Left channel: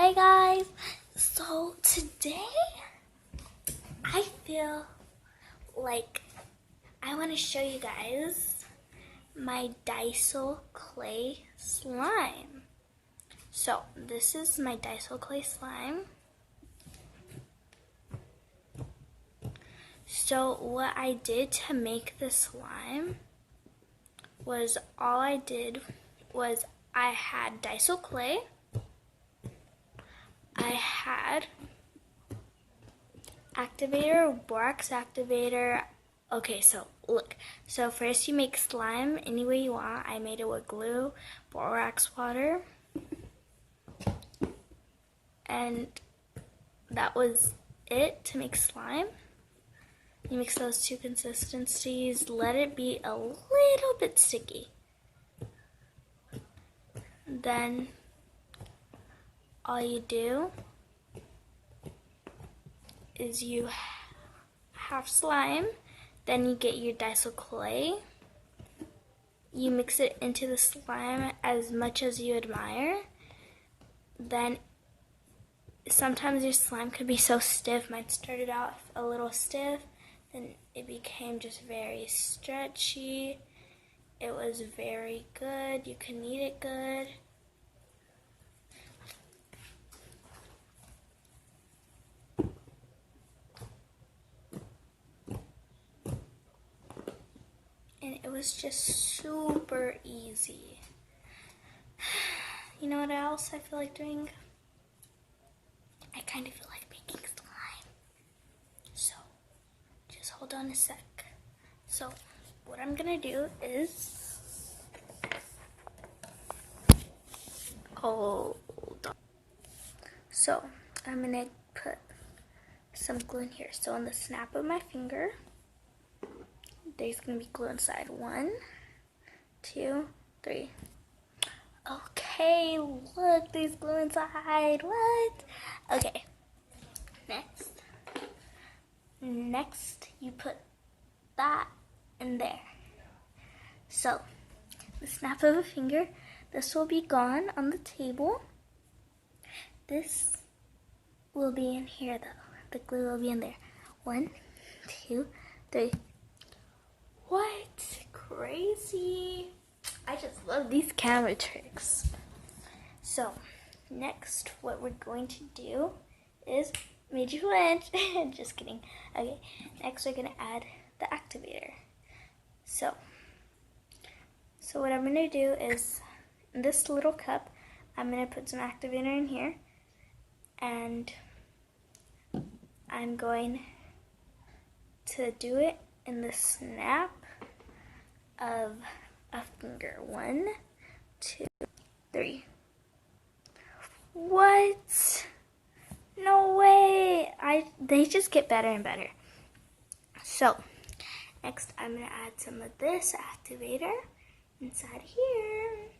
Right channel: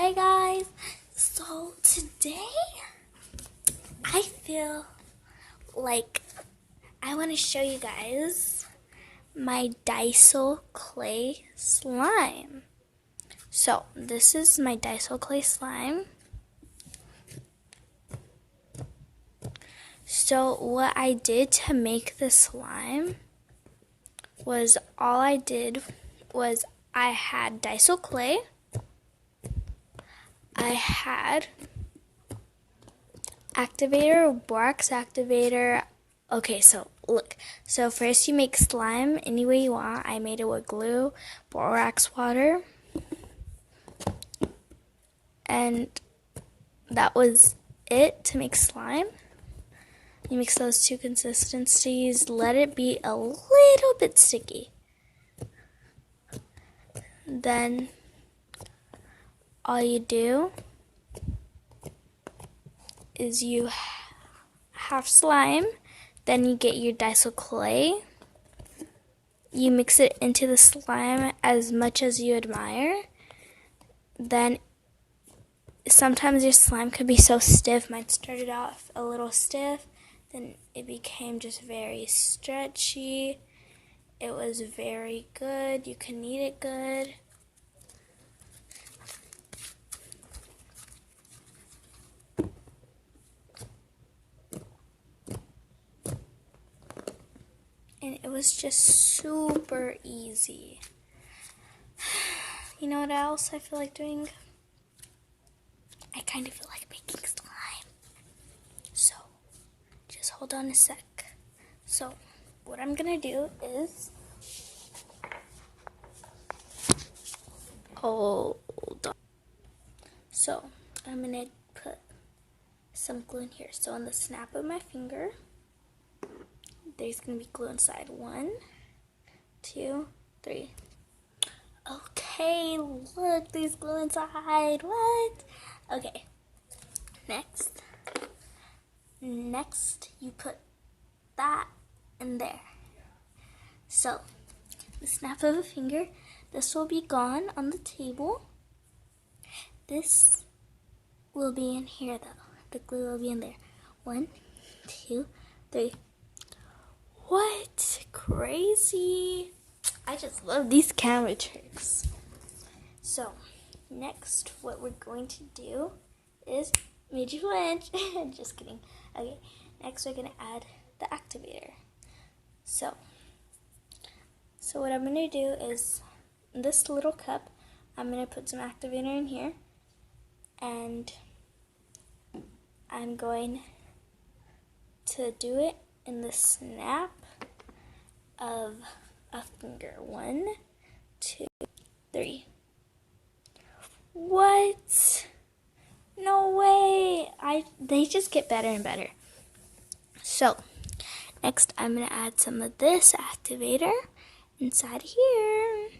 Hey guys, so today I feel like I want to show you guys my Daiso clay slime. So this is my Daiso clay slime. So what I did to make the slime was I had Daiso clay. I had activator, borax activator. Okay, so look. So first you make slime any way you want. I made it with glue, borax water, and that was it to make slime. You mix those two consistencies, let it be a little bit sticky. Then all you do is you have slime, then you get your Daiso clay. You mix it into the slime as much as you admire. Then sometimes your slime could be so stiff. Mine started off a little stiff, then it became just very stretchy. It was very good. You can eat it good. And it was just super easy. You know what else I feel like doing? I kind of feel like making slime. So, just hold on a sec. So, what I'm gonna do is, hold on. So, I'm gonna put some glue in here. So, on the snap of my finger, there's gonna be glue inside. 1, 2, 3. Okay, look, there's glue inside. What? Okay. Next, you put that in there. So, the snap of a finger, this will be gone on the table. This will be in here though. The glue will be in there. 1, 2, 3. What? Crazy. I just love these camera tricks. So, next, what we're going to do is, made you flinch. Just kidding. Okay, next we're gonna add the activator. So what I'm gonna do is, in this little cup, I'm gonna put some activator in here, and I'm going to do it in the snap of a finger. 1, 2, 3. What? No way! They just get better and better. So, next I'm gonna add some of this activator inside here.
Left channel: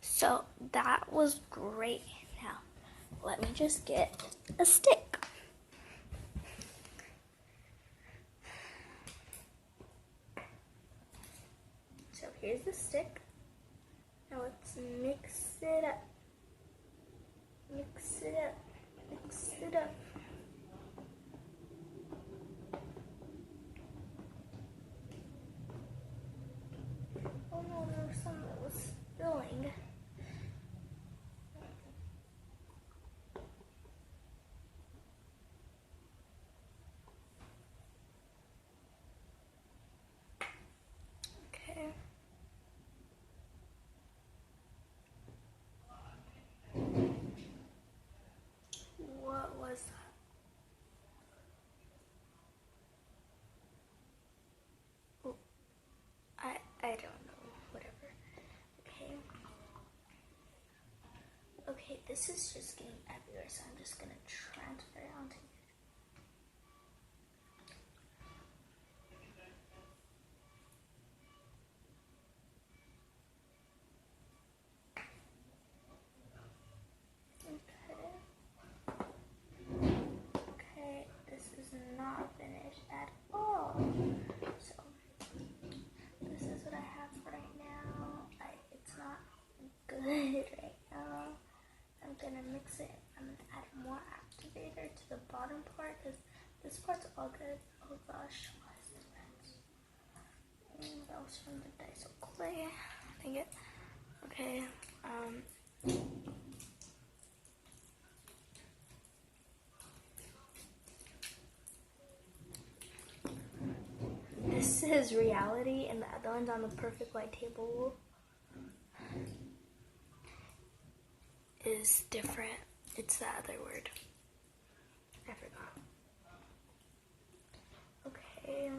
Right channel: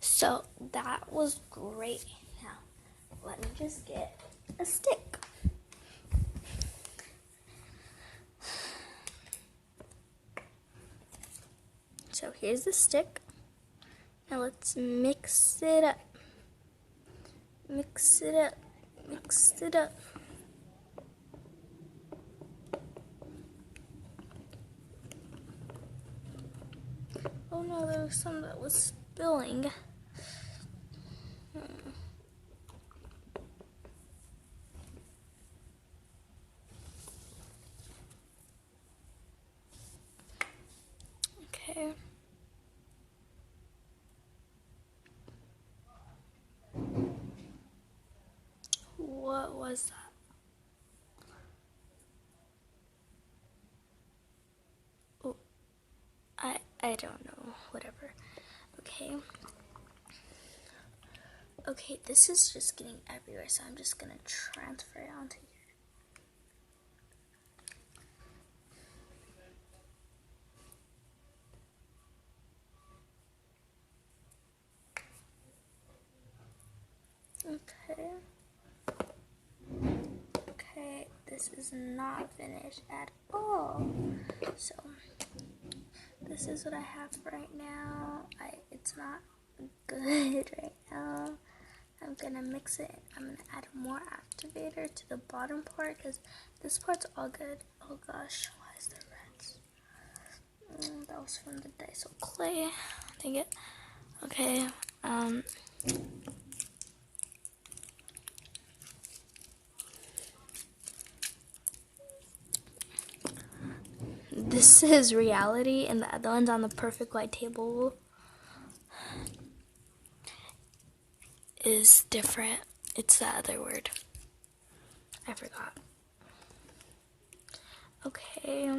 So that was great. Now, let me just get a stick. So here's the stick. Now let's mix it up. Mix it up. Mix it up. Oh no, there was some that was spilling. Okay. What was that? Oh, I don't know. Whatever. Okay. Okay, this is just getting everywhere, so I'm just gonna transfer it onto here. Okay, this is not finished at all. So, this is what I have right now. It's not good. good right now. I'm gonna mix it. I'm gonna add more activator to the bottom part because this part's all good. Oh gosh, why is there reds? That was from the Daiso clay. Dang it. Okay. This is reality, and the other one's on the perfect white table is different. It's the other word. I forgot. Okay.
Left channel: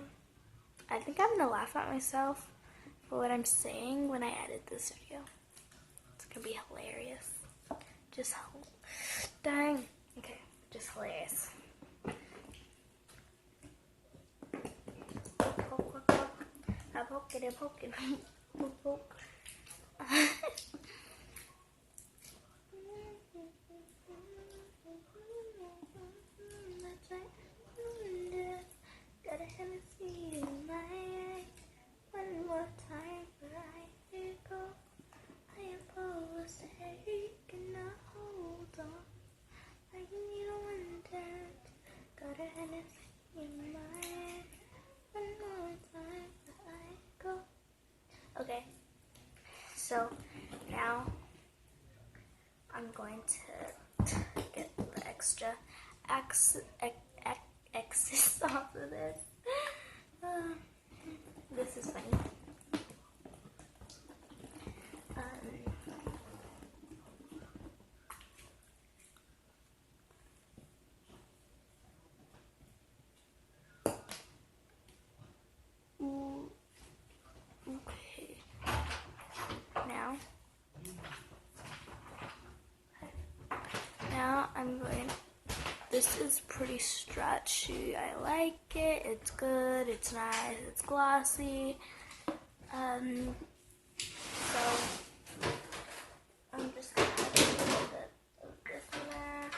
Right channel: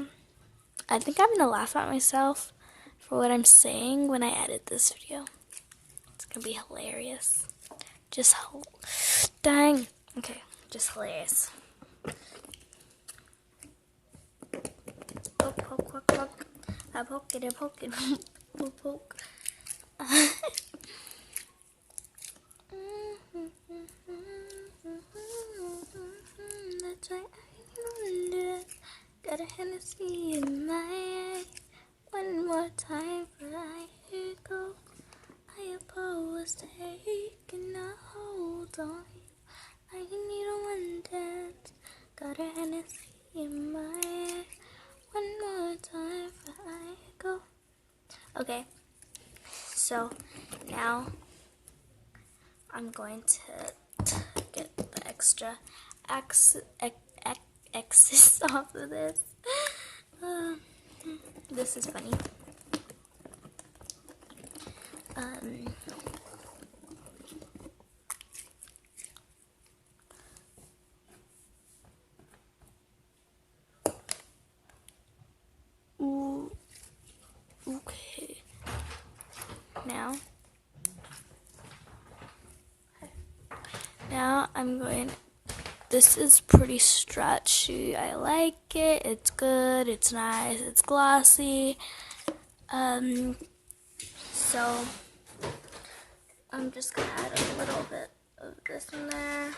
I think I'm gonna laugh at myself for what I'm saying when I edit this video. It's gonna be hilarious. Just dang. Okay, just hilarious. I poke it, poke. That's right, got a Hennessy in my eye. One more time before I go. I was taking a hold on you. I need a one dance. Got a Hennessy in my eye. One more time before I go. Okay, so now I'm going to get the extra excess off of this. This is funny. Okay. Now I'm going. This is pretty stretchy. I like it. It's good. It's nice. It's glossy. So I'm just gonna add a little bit of this in there.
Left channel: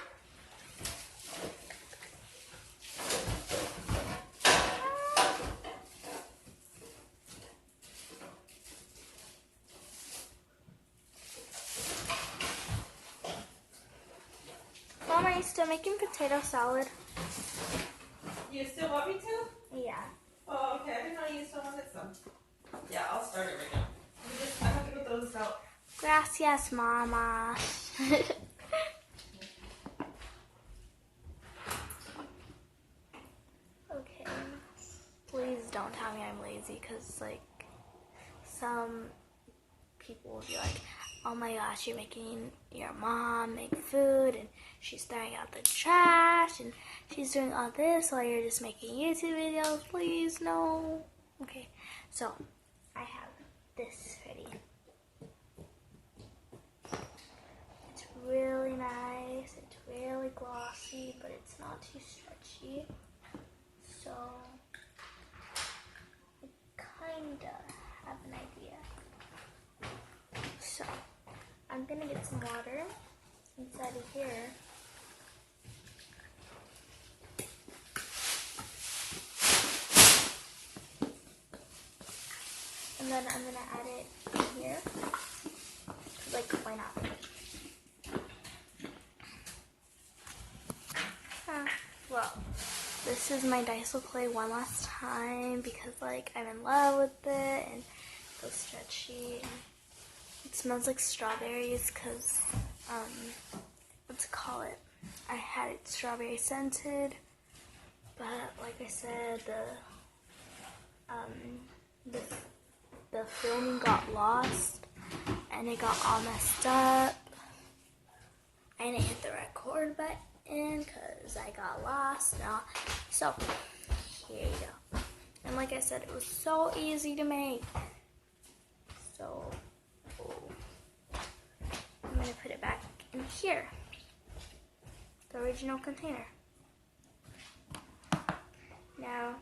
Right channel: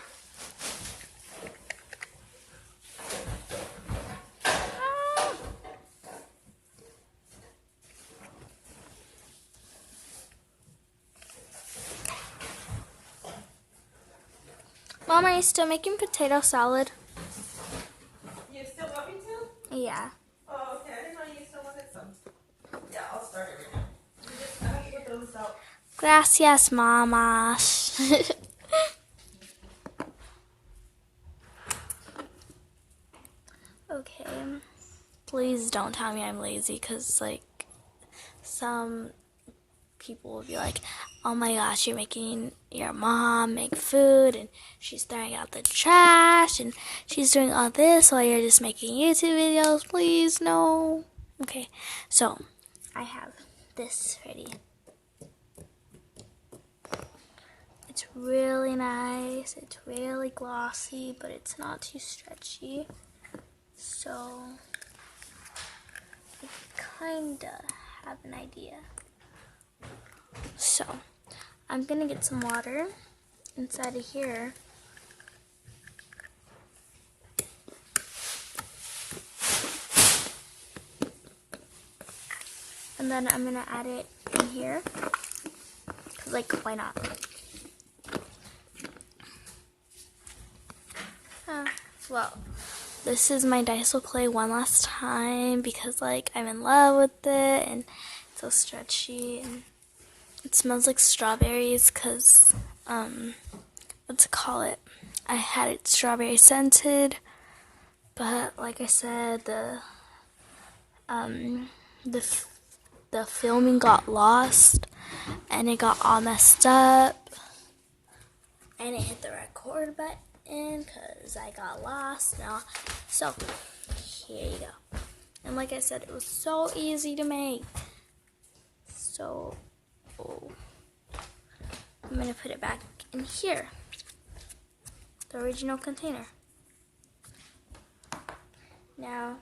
Mom, are you still making potato salad? You still want me to? Yeah. Oh, okay. I didn't know you still wanted some. Yeah, I'll start it right now. I have to go throw this out. Gracias, Mama. Okay. Please don't tell me I'm lazy, because, like, some people will be like, oh my gosh, you're making your mom make food, and she's throwing out the trash, and she's doing all this while you're just making YouTube videos. Please, no. Okay, so I have this ready. It's really nice. It's really glossy, but it's not too stretchy. So I kinda have an idea. So I'm gonna get some water inside of here. And then I'm gonna add it in here. Like, why not? Well, this is my Daiso clay one last time because, like, I'm in love with it and it's so stretchy and it smells like strawberries because, what's it call it? I had it strawberry scented, but like I said, the filming got lost and it got all messed up. I didn't hit the record button because I got lost now. So here you go. And like I said, it was so easy to make. So I'm gonna put it back in here, the original container. Now,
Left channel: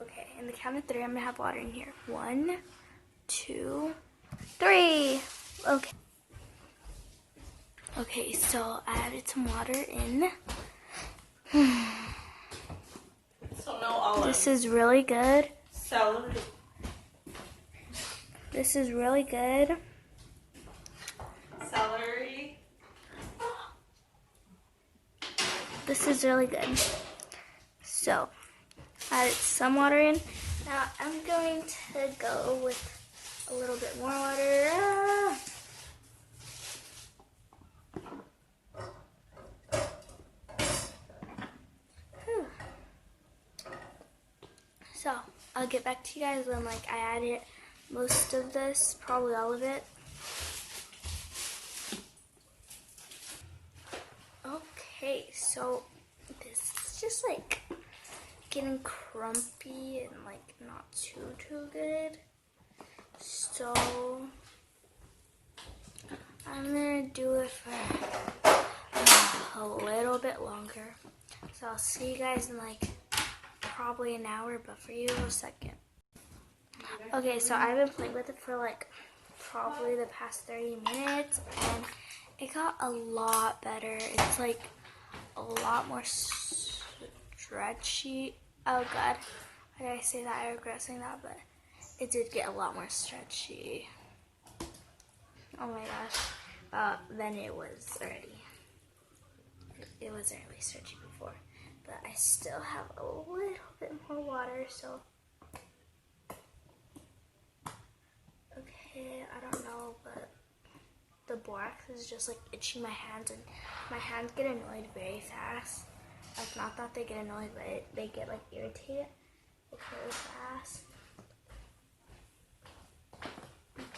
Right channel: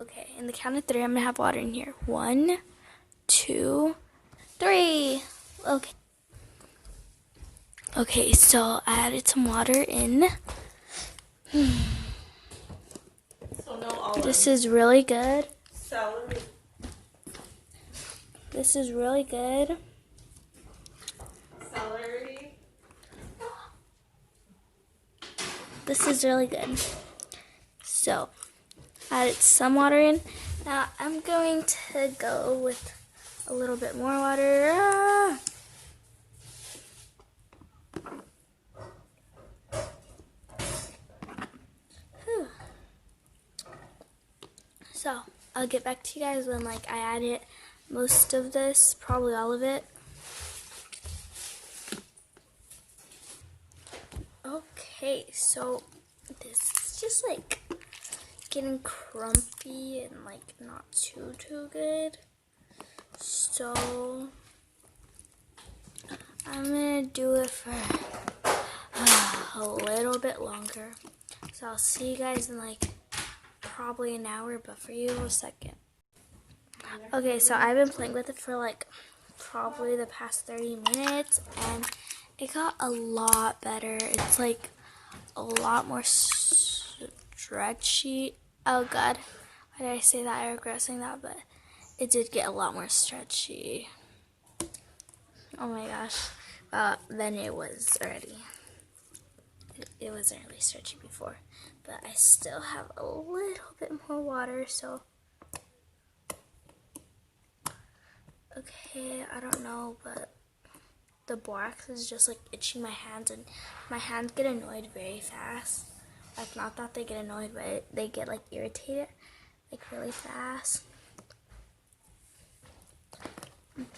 okay, in the count of 3, I'm gonna have water in here. 1, 2, 3. Okay. Okay, so I added some water in. So no olive. This is really good. Celery. This is really good. Celery. This is really good. So, added some water in. Now I'm going to go with a little bit more water. Whew. So, I'll get back to you guys when like I added most of this, probably all of it. Okay, so this is just like getting crumpy and like not too good. So I'm gonna do it for a little bit longer. So I'll see you guys in like probably an hour, but for you a second. Okay, so I've been playing with it for like probably the past 30 minutes and it got a lot better. It's like a lot more stretchy. Oh god, why did I say that? I regret saying that, but it did get a lot more stretchy. Oh my gosh, than it was already. It wasn't really stretchy before, but I still have a little bit more water, so. Okay, I don't know, but the borax is just like itching my hands, and my hands get annoyed very fast. Like, not that they get annoyed, but they get like irritated like really fast.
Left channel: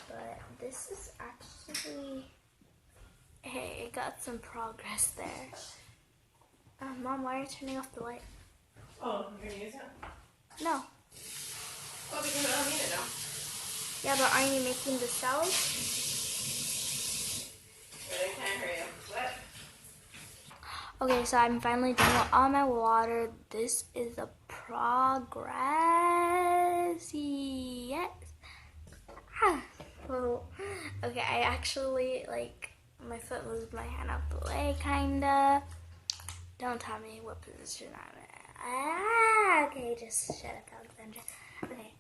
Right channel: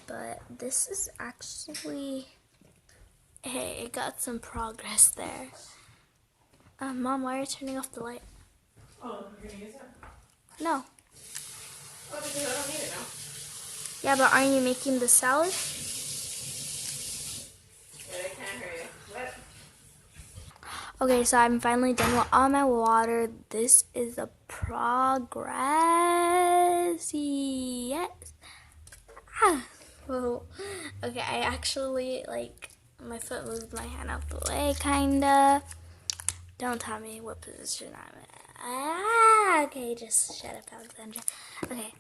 But this is actually, hey, it got some progress there. Mom, why are you turning off the light? Oh, you're gonna use it? No. Oh, because I don't need it now. Yeah, but aren't you making the salad? I can't hear you. What? Okay, so I'm finally done with all my water. This is the progress. Yes. Ah. Oh. Okay, I actually, like, my foot moved my hand out the way, kinda. Don't tell me what position I'm in. Ah, okay, just shut up, Alexandra. Okay,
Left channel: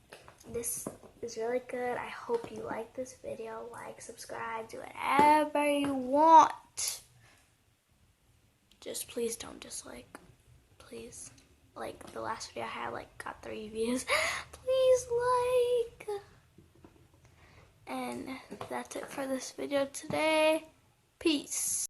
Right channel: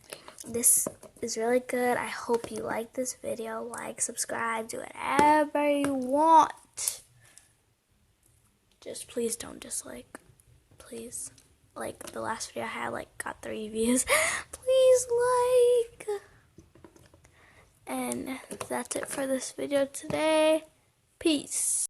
this is really good. I hope you like this video. Like, subscribe, do whatever you want. Just please don't dislike. Please. Like the last video I had, like, got 3 views. Please like. And that's it for this video today. Peace.